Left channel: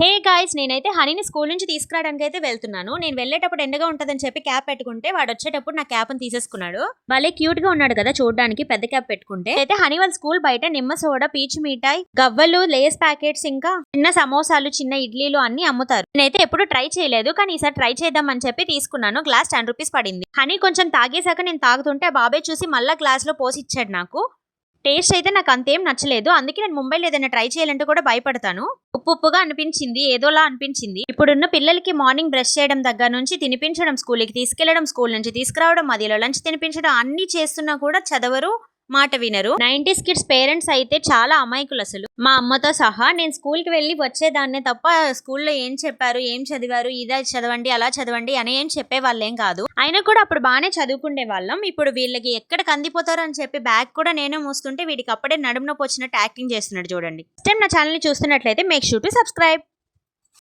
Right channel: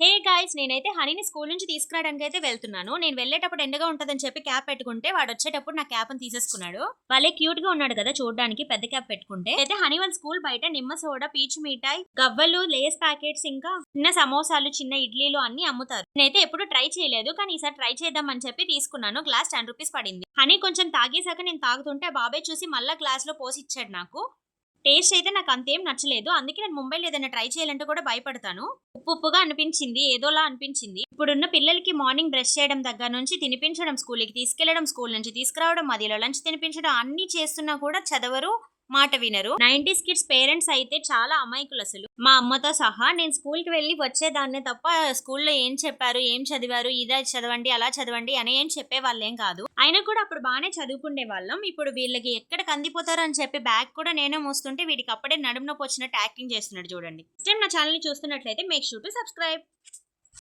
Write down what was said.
Hey guys నేనైతే హనీని school నుంచి తీసుకురావడానికి అయితే వెళ్తున్నాను. నేను వెళ్ళేటప్పుడు ఎండగా ఉంటదని చెప్పి క్యాప్ పెట్టుకుంటే వాడు వచ్చేటప్పుడు నా క్యాప్ తీసేసుకున్నాడు. భలే క్యూట్గా ఉన్నాడు కదా చూడడానికి పెద్ద క్యాప్ పెట్టుకుంటే. అయితే హనీ వాళ్ళ స్కూల్ బయట నిమ్మ సోడా పీచ్ మిఠాయి గవ్వలు లేస్ ప్యాకెట్స్ ఇంకా చిన్న సమోసాలు చిన్న ఇడ్లీలు అన్ని అమ్ముతారు. నేనైతే ఎప్పుడు ట్రై చేయలేదు కానీ ఈసారి ట్రై చేద్దాం అని చెప్పి తీసుకున్నాను. గ్లాస్ టెన్ రూపీస్ పడింది. హనీ కొంచెం తాగేశాక నేను తాగుతుంటే బాబాయ్ చూసి మళ్ళా గ్లాస్లో పోసి ఇచ్చాడు నాకు. టేస్ట్ అయితే నాకు అంతేం నచ్చలేదు. అందుకే నేను ముంబైలో ఏదైనా ట్రై చేయాలంటే కూడా భయపడతాను. ఉప్పు ఉప్పుగా అనిపించింది ఏదోలా అనిపించింది. ఇప్పుడున్న పిల్లలకి మార్నింగ్ బ్రష్ చేయడం దగ్గర నుంచి తినిపించడం స్కూల్కి తీసుకెళ్ళడం స్కూల్ నుంచి తీసుకురావడం మధ్యలో లంచ్ తినిపించడం అన్ని చేస్తున్నా కూడా చదవరు మాట వినరు. నైన్టీస్ కిడ్స్ పేరెంట్స్ అయితే చాలా అమాయకులు అసలు. మా అమ్మతో సహా నేను స్కూల్కి వెళ్ళి వచ్చేదాన్నే తప్ప స్కూల్లో ఏం చెప్పారు ఏం చదివారు ఇదా చదవండి అలా చదవండి అని ఏం చెప్పే వాళ్ళేం కాదు. అయినా కూడా అప్పుడు బాగానే చదువుకునే వాళ్ళం. ఇప్పుడు వీళ్ళకి ఎక్కడ కందిపోతారు అని చెప్పి బ్యాగ్ కూడా నేనే మూస్తుంటే వీడికి అప్పుడే నడుము నొప్పి వచ్చినట్టు యాక్టింగ్ చేస్తున్నాడు చూడండి. టైం నా ఛానల్ని చూస్తున్నట్లయితే మేక్ షూ టు సబ్స్క్రైబ్